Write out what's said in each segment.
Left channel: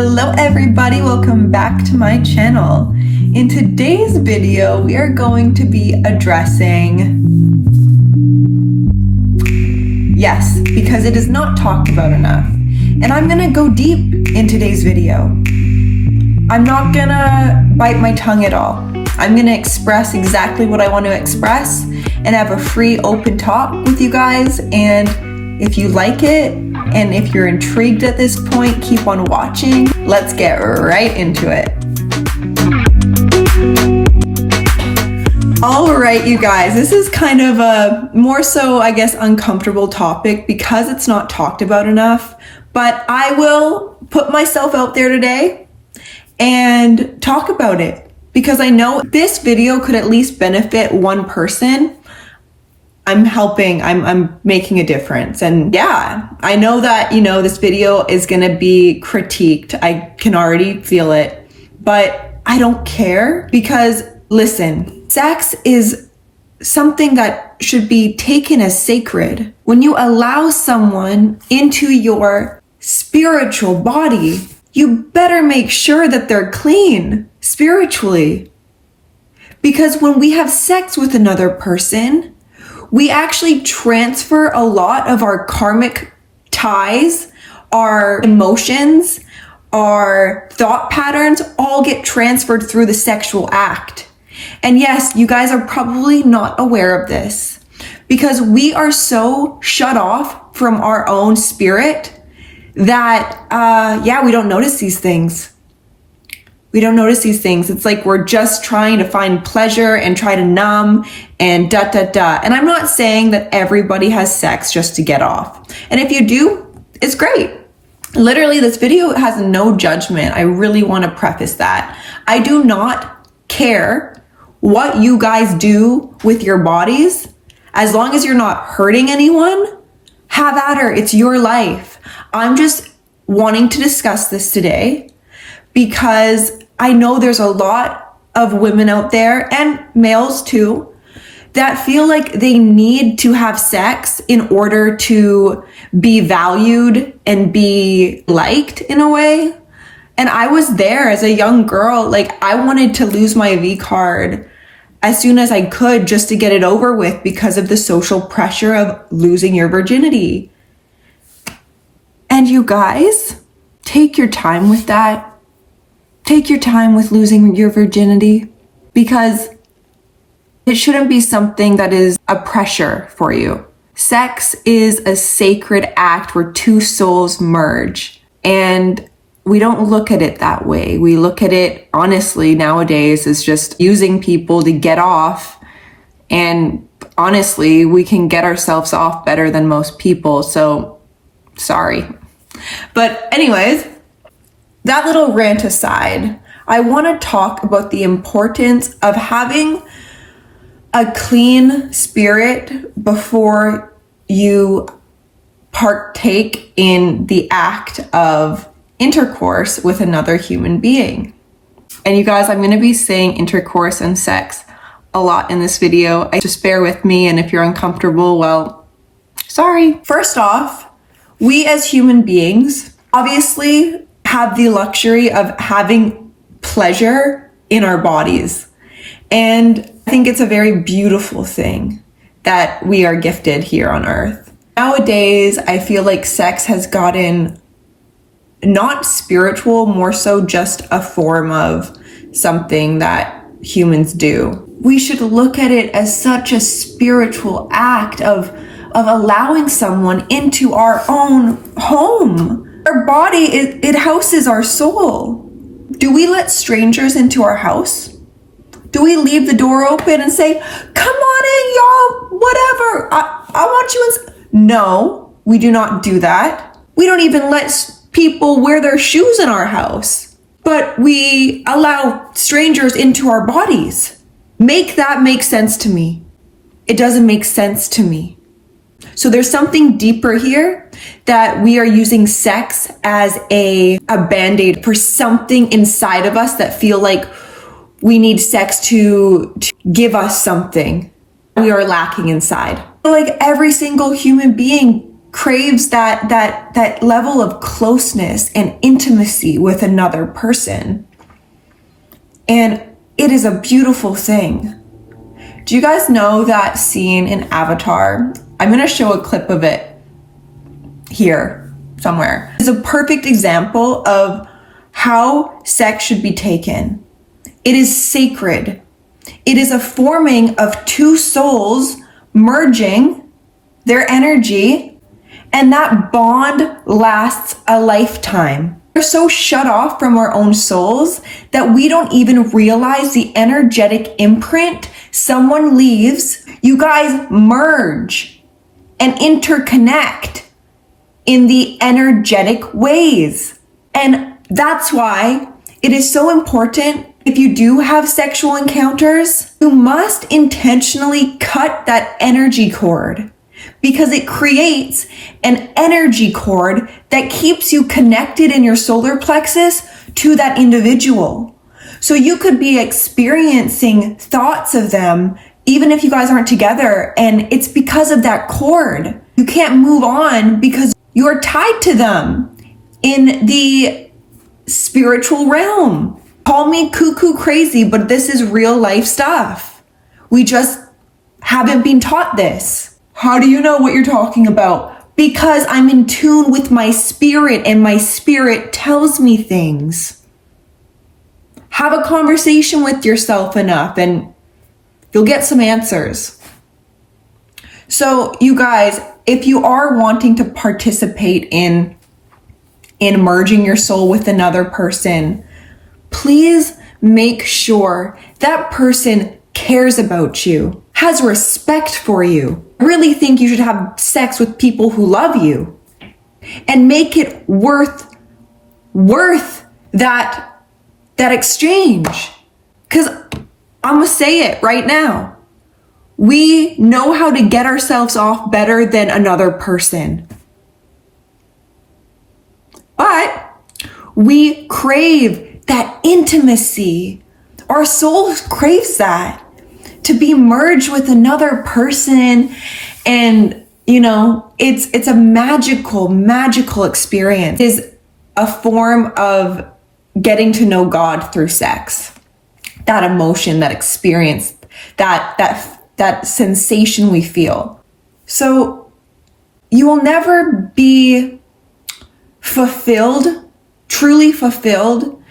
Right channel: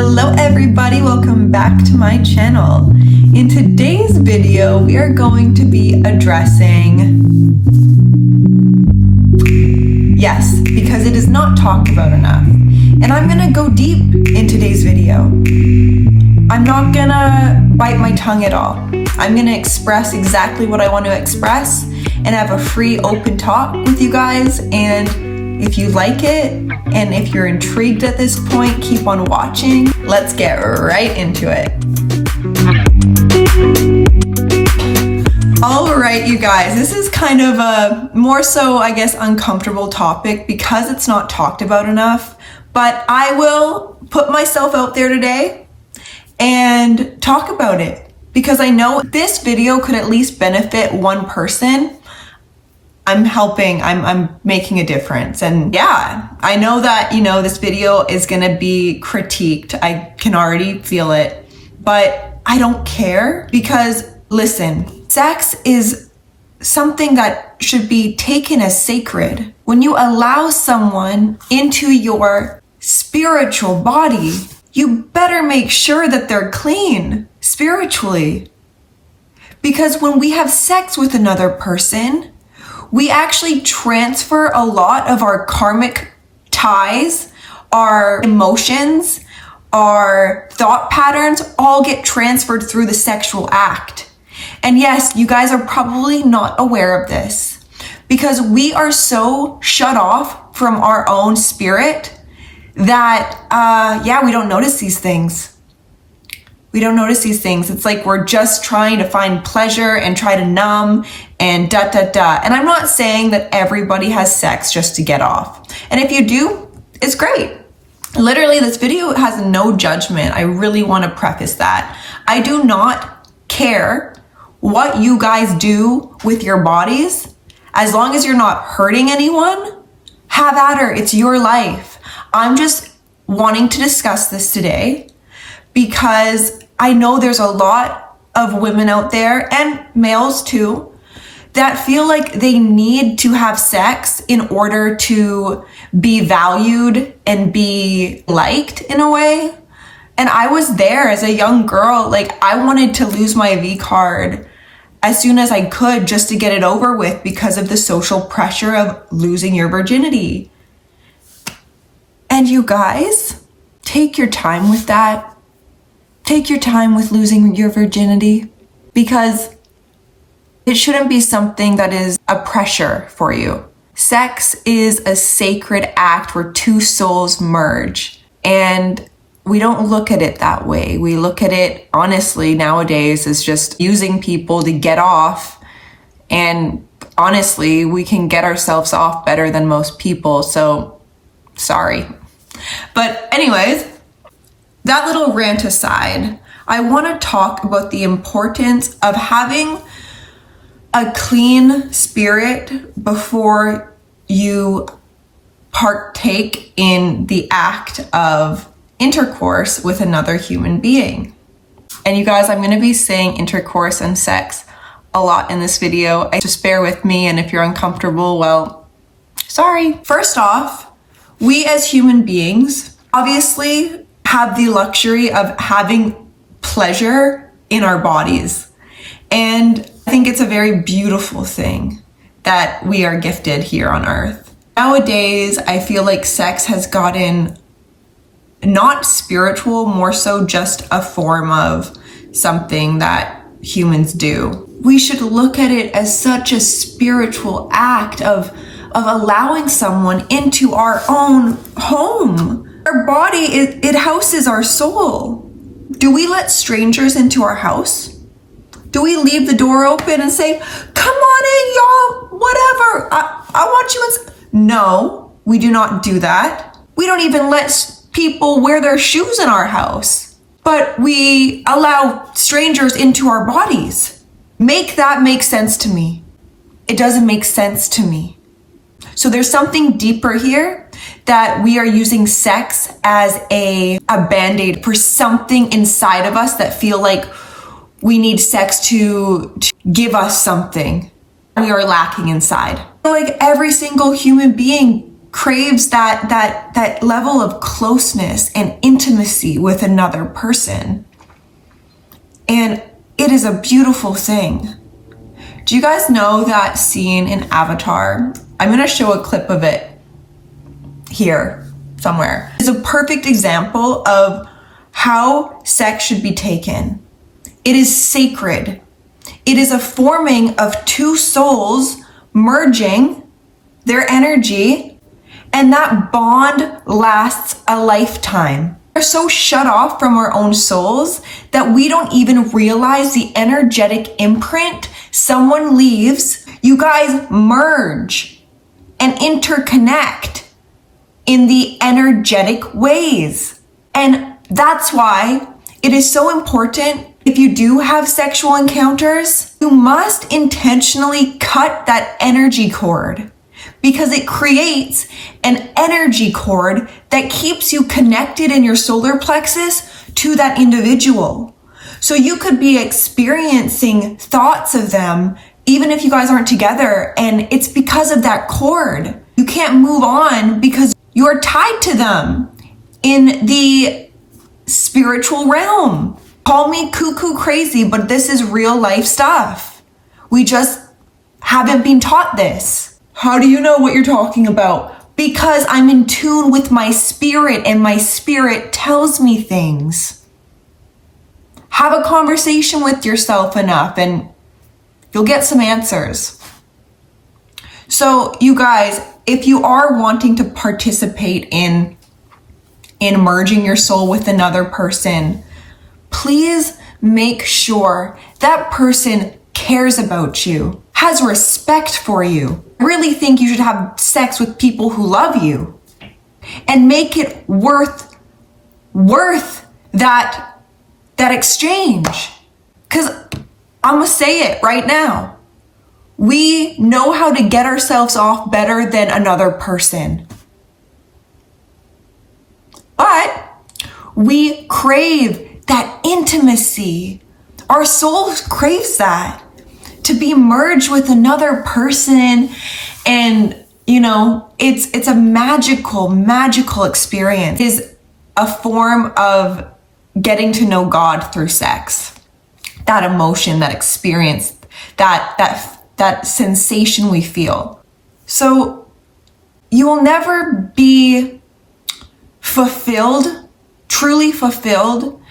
Hello everybody, welcome back to my channel. In today's video, we are going to be addressing, yes, because it is not talked about enough. And I'm gonna go deep in today's video. I'm not gonna bite my tongue at all. I'm gonna express exactly what I want to express and have a free, open talk with you guys. And if you like it, and if you're intrigued at this point, keep on watching. Let's get right into it. All right, you guys, this is kind of a more so, I guess, uncomfortable topic because it's not talked about enough, but I will put myself out there today and talk about it because I know this video could at least benefit one person. I'm helping, I'm making a difference. And yeah, I know that, this video is gonna be critiqued. I can already feel it, but I don't care because listen, sex is something that should be taken as sacred. When you allow someone into your spiritual body, you better make sure that they're clean spiritually. Because when we have sex with another person, we actually transfer a lot of our karmic ties, our emotions, our thought patterns all get transferred through the sexual act. And yes, you guys are probably not aware of this because we are so shut off from our own spirit that, we don't notice these things. We don't notice these things. It's like we're just trying to find pleasure and try to numb and And I'm not saying that everybody has sex just to get off. And if you do, it's great. Literally, this video has no judgment. I really want to preface that. I do not care what you guys do with your bodies. As long as you're not hurting anyone, have at her. It's your life. I'm just wanting to discuss this today because I know there's a lot of women out there and males too that feel like they need to have sex in order to be valued and be liked in a way. And I was there as a young girl. Like, I wanted to lose my V card as soon as I could just to get it over with because of the social pressure of losing your virginity. And you guys, take your time with that. Take your time with losing your virginity because it shouldn't be something that is a pressure for you. Sex is a sacred act where two souls merge, and we don't look at it that way. We look at it, honestly, nowadays as just using people to get off, and honestly, we can get ourselves off better than most people, so sorry. But anyways, that little rant aside, I want to talk about the importance of having a clean spirit before you partake in the act of intercourse with another human being. And you guys, I'm going to be saying intercourse and sex a lot in this video. Just bear with me, and if you're uncomfortable, well, sorry. First off, we as human beings obviously have the luxury of having pleasure in our bodies. And I think it's a very beautiful thing that we are gifted here on earth. Nowadays, I feel like sex has gotten not spiritual, more so just a form of something that humans do. We should look at it as such a spiritual act of allowing someone into our own home. Our body, it houses our soul. Do we let strangers into our house? Do we leave the door open and say, come on in, y'all, whatever, I want you in? No, we do not do that. We don't even let people wear their shoes in our house, but we allow strangers into our bodies. Make that make sense to me. It doesn't make sense to me. So there's something deeper here that we are using sex as a band-aid for something inside of us that feel like we need sex to give us something we are lacking inside. Like every single human being craves that level of closeness and intimacy with another person. And it is a beautiful thing. Do you guys know that scene in Avatar? I'm going to show a clip of it here somewhere. It's a perfect example of how sex should be taken. It is sacred. It is a forming of two souls merging their energy, and that bond lasts a lifetime. We're so shut off from our own souls that we don't even realize the energetic imprint someone leaves. You guys merge and interconnect in the energetic ways. And that's why it is so important, if you do have sexual encounters, you must intentionally cut that energy cord, because it creates an energy cord that keeps you connected in your solar plexus to that individual. So you could be experiencing thoughts of them even if you guys aren't together, and it's because of that cord. You can't move on because you're tied to them in the spiritual realm. Call me cuckoo crazy, but this is real life stuff. We just haven't been taught this. How do you know what you're talking about? Because I'm in tune with my spirit, and my spirit tells me things. Have a conversation with yourself enough and you'll get some answers. So you guys, if you are wanting to participate in merging your soul with another person, please make sure that person cares about you, has respect for you. I really think you should have sex with people who love you, and make it worth that exchange. Because I'm gonna say it right now. We know how to get ourselves off better than another person. But we crave that intimacy. Our soul craves that, to be merged with another person. And you know, it's a magical experience. It is a form of getting to know God through sex. That emotion, that experience, that sensation we feel. So you will never be fulfilled, truly fulfilled,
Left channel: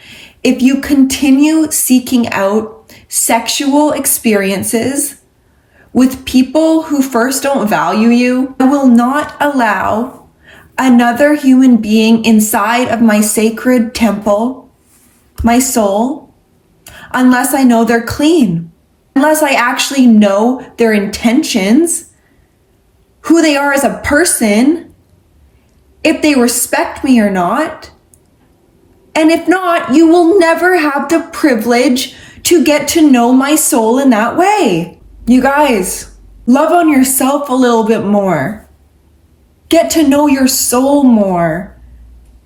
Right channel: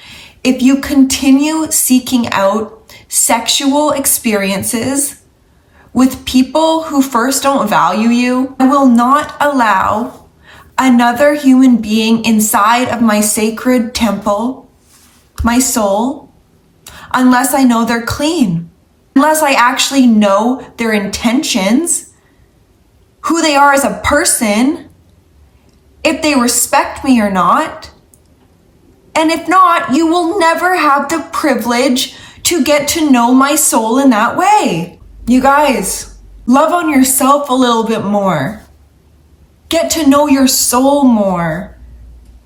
if you continue seeking out sexual experiences with people who first don't value you. I will not allow another human being inside of my sacred temple, my soul, unless I know they're clean, unless I actually know their intentions, who they are as a person, if they respect me or not. And if not, you will never have the privilege to get to know my soul in that way. You guys, love on yourself a little bit more. Get to know your soul more.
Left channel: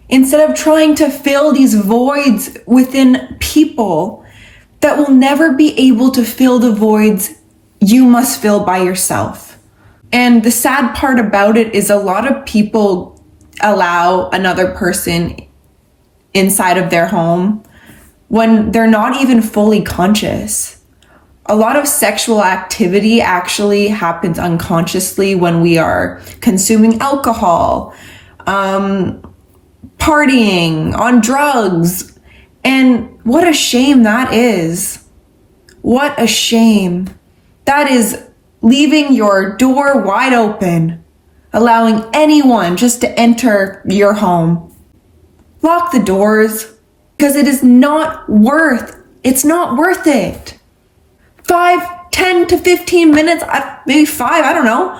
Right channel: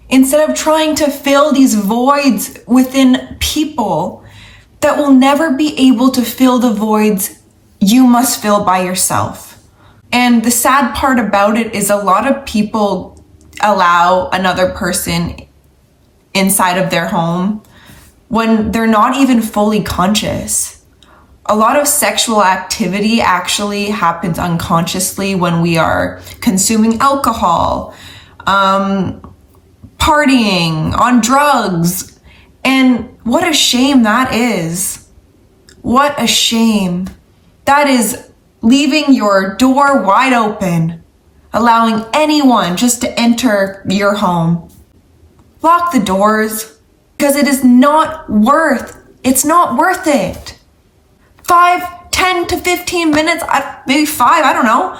Instead of trying to fill these voids within people that will never be able to fill the voids you must fill by yourself. And the sad part about it is a lot of people allow another person inside of their home when they're not even fully conscious. A lot of sexual activity actually happens unconsciously when we are consuming alcohol, partying, on drugs. And what a shame that is. What a shame. That is leaving your door wide open, allowing anyone just to enter your home. Lock the doors, because it is not worth it. 5, 10 to 15 minutes, maybe 5, I don't know.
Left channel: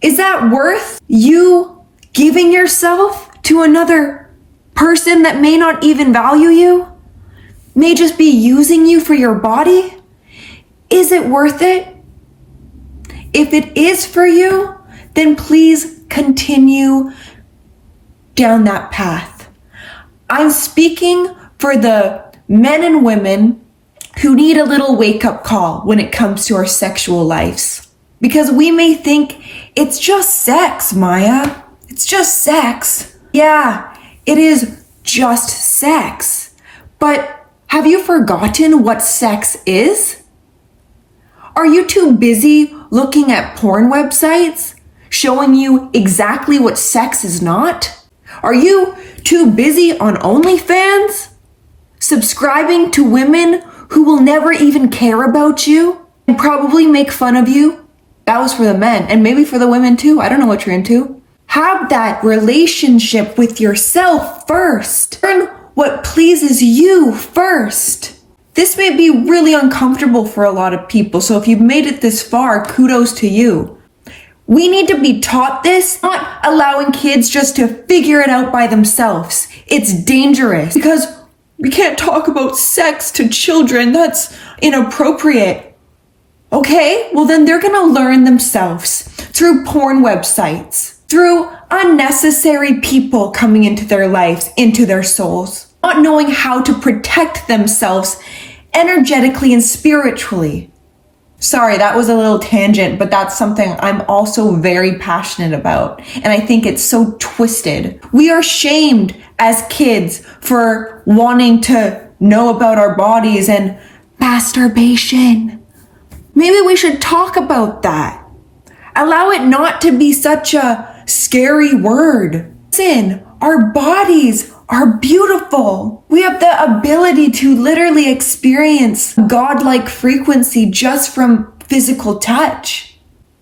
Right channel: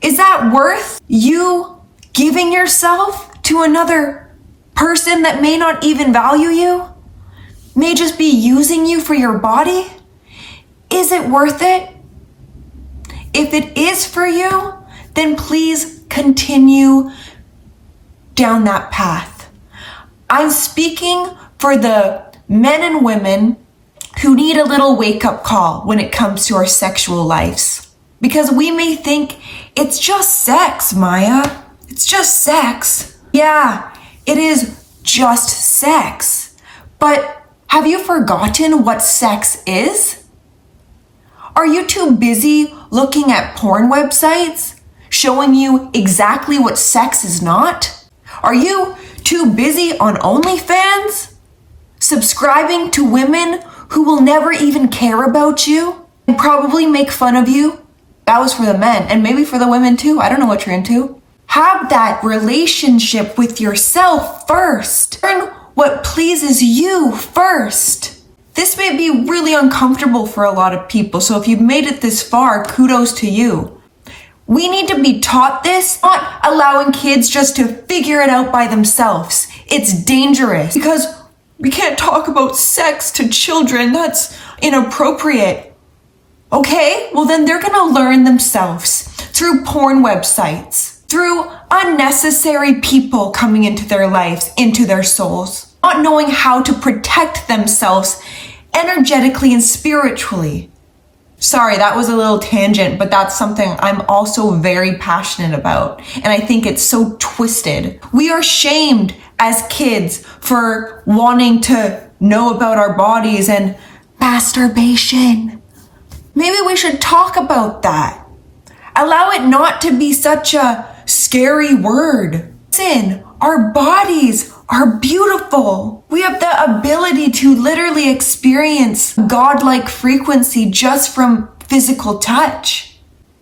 Is that worth you giving yourself to another person that may not even value you? May just be using you for your body? Is it worth it? If it is for you, then please continue down that path. I'm speaking for the men and women who need a little wake-up call when it comes to our sexual lives. Because we may think it's just sex, Maya. It's just sex. Yeah, it is just sex. But have you forgotten what sex is? Are you too busy looking at porn websites showing you exactly what sex is not? Are you too busy on OnlyFans subscribing to women who will never even care about you and probably make fun of you? That was for the men, and maybe for the women too. I don't know what you're into. Have that relationship with yourself first. Learn what pleases you first. This may be really uncomfortable for a lot of people, so if you've made it this far, kudos to you. We need to be taught this, not allowing kids just to figure it out by themselves. It's dangerous because we can't talk about sex to children. That's inappropriate. Okay, well then they're gonna learn themselves through porn websites, through unnecessary people coming into their lives, into their souls, not knowing how to protect themselves energetically and spiritually. Sorry, that was a little tangent, but that's something I'm also very passionate about. And I think it's so twisted. We are shamed as kids for wanting to know about our bodies and masturbation. Maybe we should talk about that. Allow it not to be such a scary word. Listen, our bodies are beautiful. We have the ability to literally experience godlike frequency just from physical touch.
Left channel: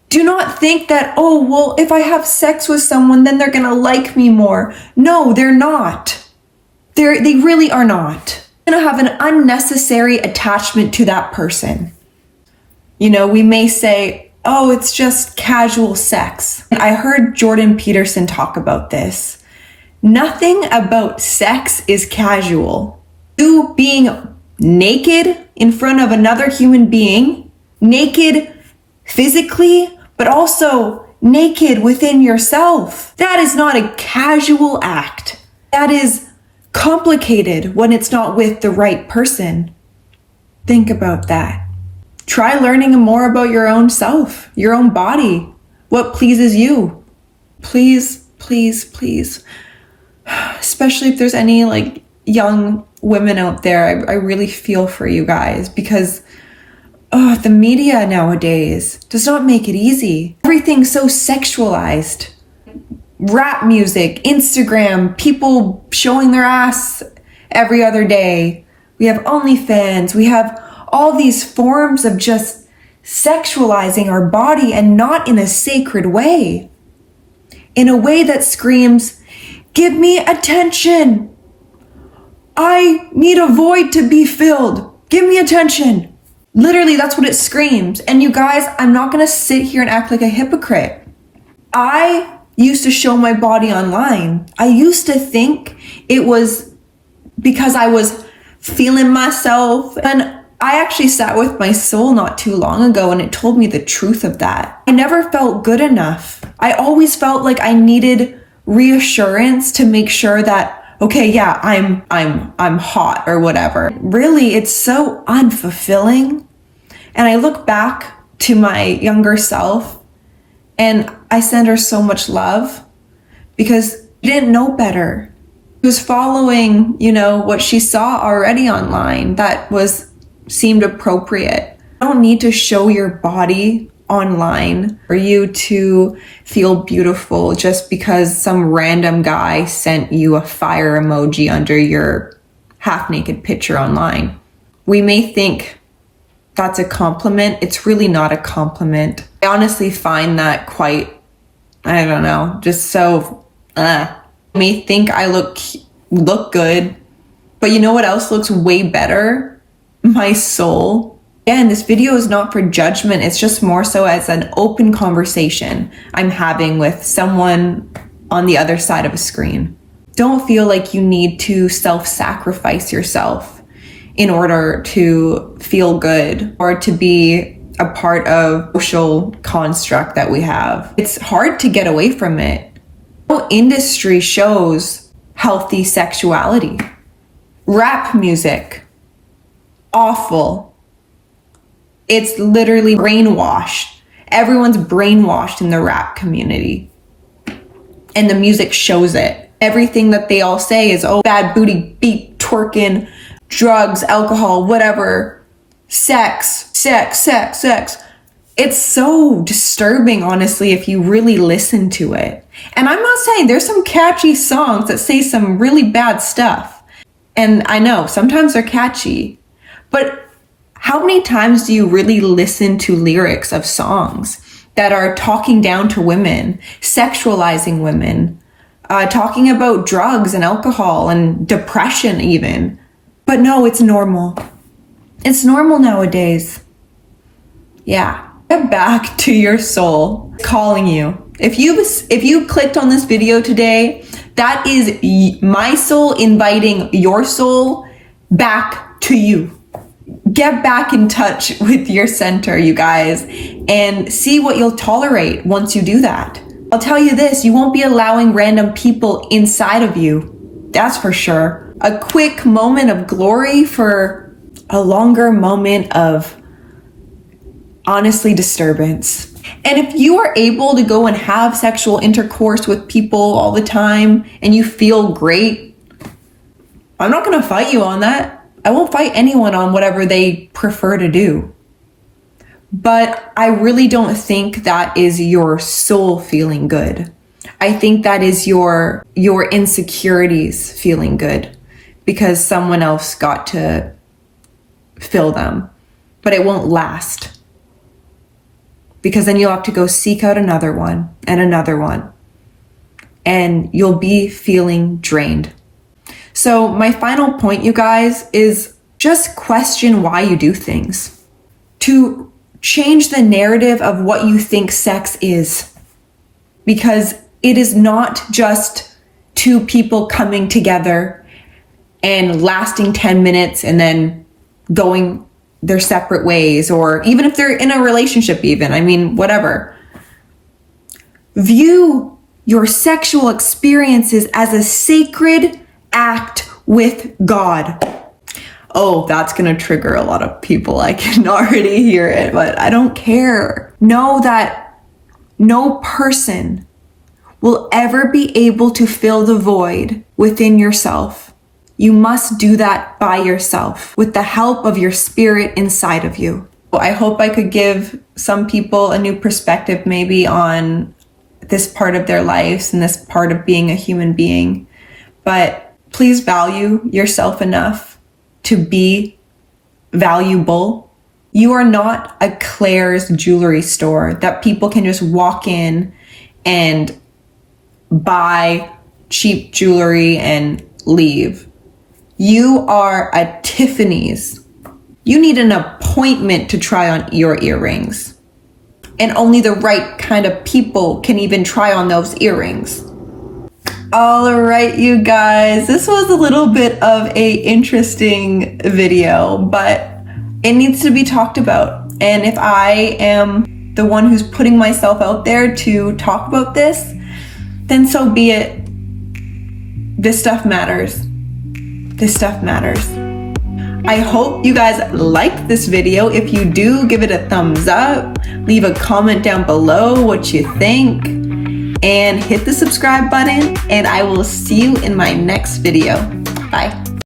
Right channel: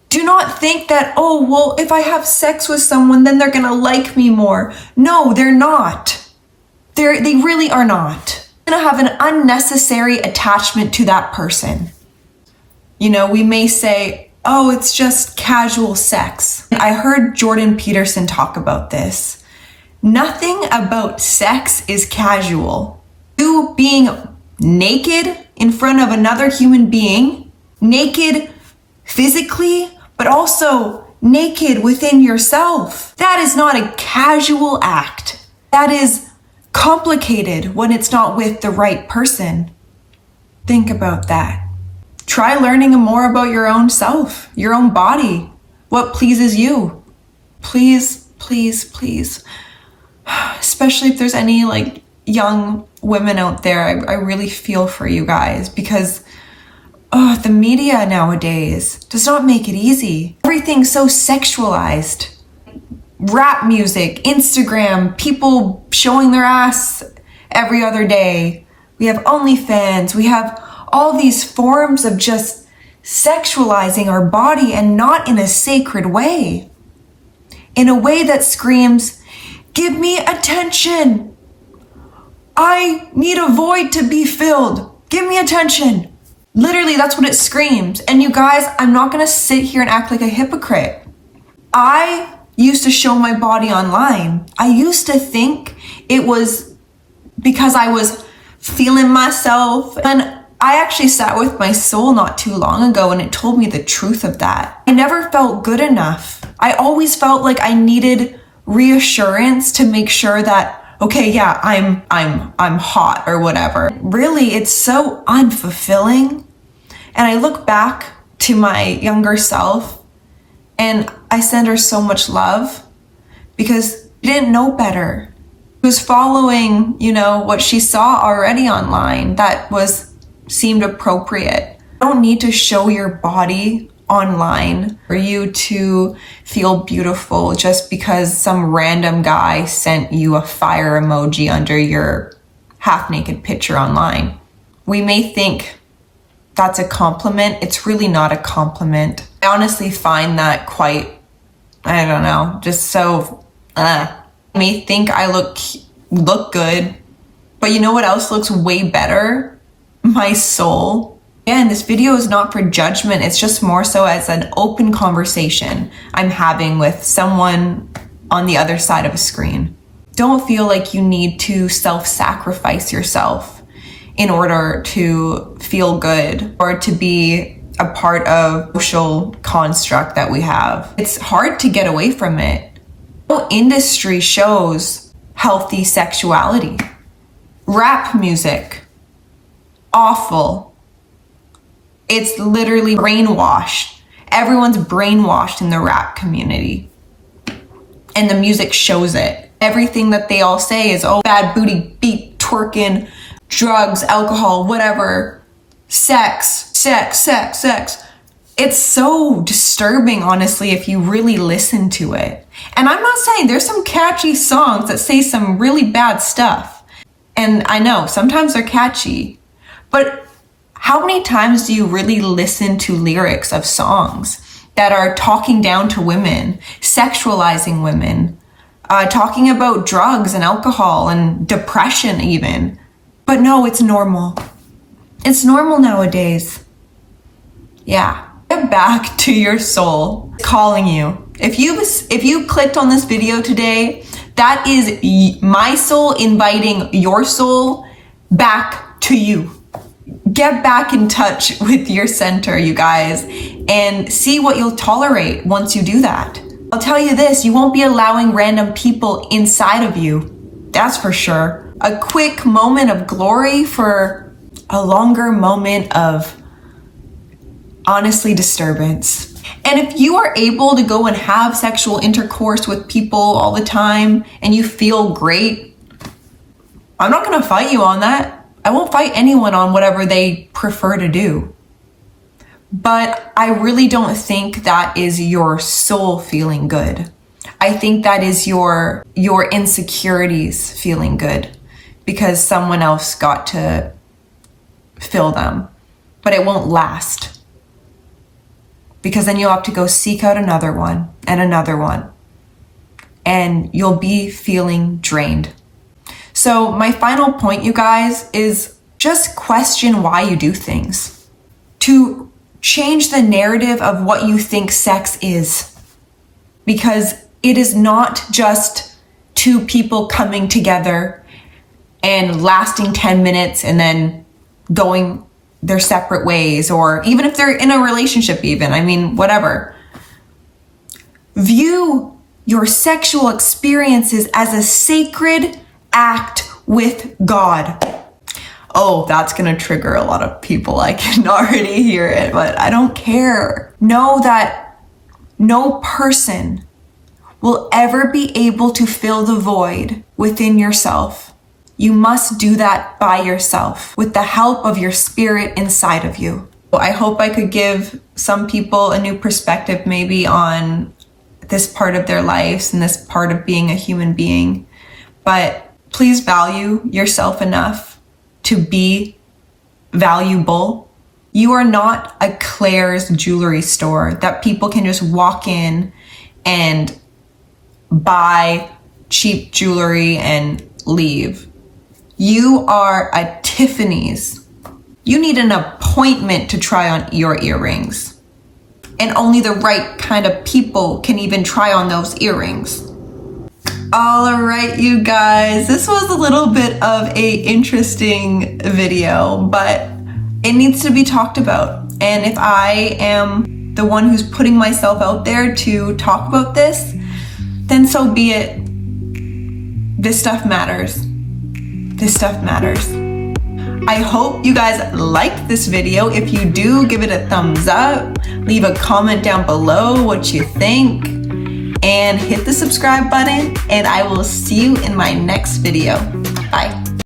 Do not think that, oh, well, if I have sex with someone, then they're gonna like me more. No, they're not. They really are not. You're gonna have an unnecessary attachment to that person. You know, we may say, oh, it's just casual sex. I heard Jordan Peterson talk about this. Nothing about sex is casual. You being naked in front of another human being, naked physically, but also naked within yourself. That is not a casual act. That is complicated when it's not with the right person. Think about that. Try learning more about your own self, your own body, what pleases you. Please, please, please. Especially if there's any like young women out there, I really feel for you guys because the media nowadays does not make it easy. Everything's so sexualized. Rap music, Instagram, people showing their ass every other day. We have OnlyFans, we have all these forms of just sexualizing our body and not in a sacred way. In a way that screams, give me attention. I need a void to be filled. Give me attention. Literally, that's what it screams. And you guys, I'm not gonna sit here and act like a hypocrite. I used to show my body online. I used to think it was because I was feeling myself. And I actually sat with my soul not too long ago and it told me the truth of that. I never felt good enough. I always felt like I needed reassurance to make sure that, okay, yeah, I'm hot or whatever. Really, it's so unfulfilling. And I look back to my younger self and I send her so much love because she didn't know better. She was following, what she saw already online that seemed appropriate. You don't need to show your body online for you to feel beautiful just because some random guy sent you a fire emoji under your half-naked picture online. We may think that's a compliment. It's really not a compliment. I honestly find that quite, I don't know, just so, I may think I look good, but you know what else looks way better? My soul. Again, this video is not for judgment. It's just more so as an open conversation I'm having with someone on the other side of a screen. Don't feel like you need to self-sacrifice yourself in order to feel good or to be a part of social construct that we have. It's hard to get away from it. No industry shows healthy sexuality. Rap music, awful. It's literally brainwashed. Everyone's brainwashed in the rap community. And the music shows it. Everything that they all say is, oh, bad booty, beat, twerking, drugs, alcohol, whatever, sex. It's so disturbing, honestly, if you really listen to it. And I'm not saying, there's some catchy songs that say some really bad stuff. And I know sometimes they're catchy, but how many times do you really listen to lyrics of songs that are talking down to women, sexualizing women, talking about drugs and alcohol and depression even? But no, it's normal. It's normal nowadays. Yeah. Get back to your soul calling you. If you clicked on this video today, that is my soul inviting your soul back to you. Get back in touch with your center, you guys, and see what you'll tolerate once you do that. I'll tell you this, you won't be allowing random people inside of you. That's for sure. A quick moment of glory for a longer moment of, honestly, disturbance. And if you are able to go and have sexual intercourse with people all the time and you feel great, I'm not going to fight you on that. I won't fight anyone on whatever they prefer to do. But I really don't think that is your soul feeling good. I think that is your insecurities feeling good because someone else got to fill them. But it won't last. Because then you'll have to go seek out another one and another one. And you'll be feeling drained. So my final point, you guys, is just question why you do things. To change the narrative of what you think sex is. Because it is not just two people coming together and lasting 10 minutes and then going their separate ways, or even if they're in a relationship even, I mean, whatever. View your sexual experiences as a sacred act with God. Oh, that's gonna trigger a lot of people. I can already hear it, but I don't care. Know that no person will ever be able to fill the void within yourself. You must do that by yourself with the help of your spirit inside of you. Well, I hope I could give some people a new perspective maybe on this part of their lives and this part of being a human being. But please value yourself enough to be valuable. You are not a Claire's jewelry store that people can just walk in and buy cheap jewelry and leave. You are a Tiffany's. You need an appointment to try on your earrings. And only the right kind of people can even try on those earrings. All right, you guys, this was a little bit of a interesting video, but it needs to be talked about. And if I am the one who's putting myself out there to talk about this, then so be it. This stuff matters. This stuff matters. I hope you guys liked this video. If you do, give it a thumbs up. Leave a comment down below what you think. And hit the subscribe button. And I will see you in my next video.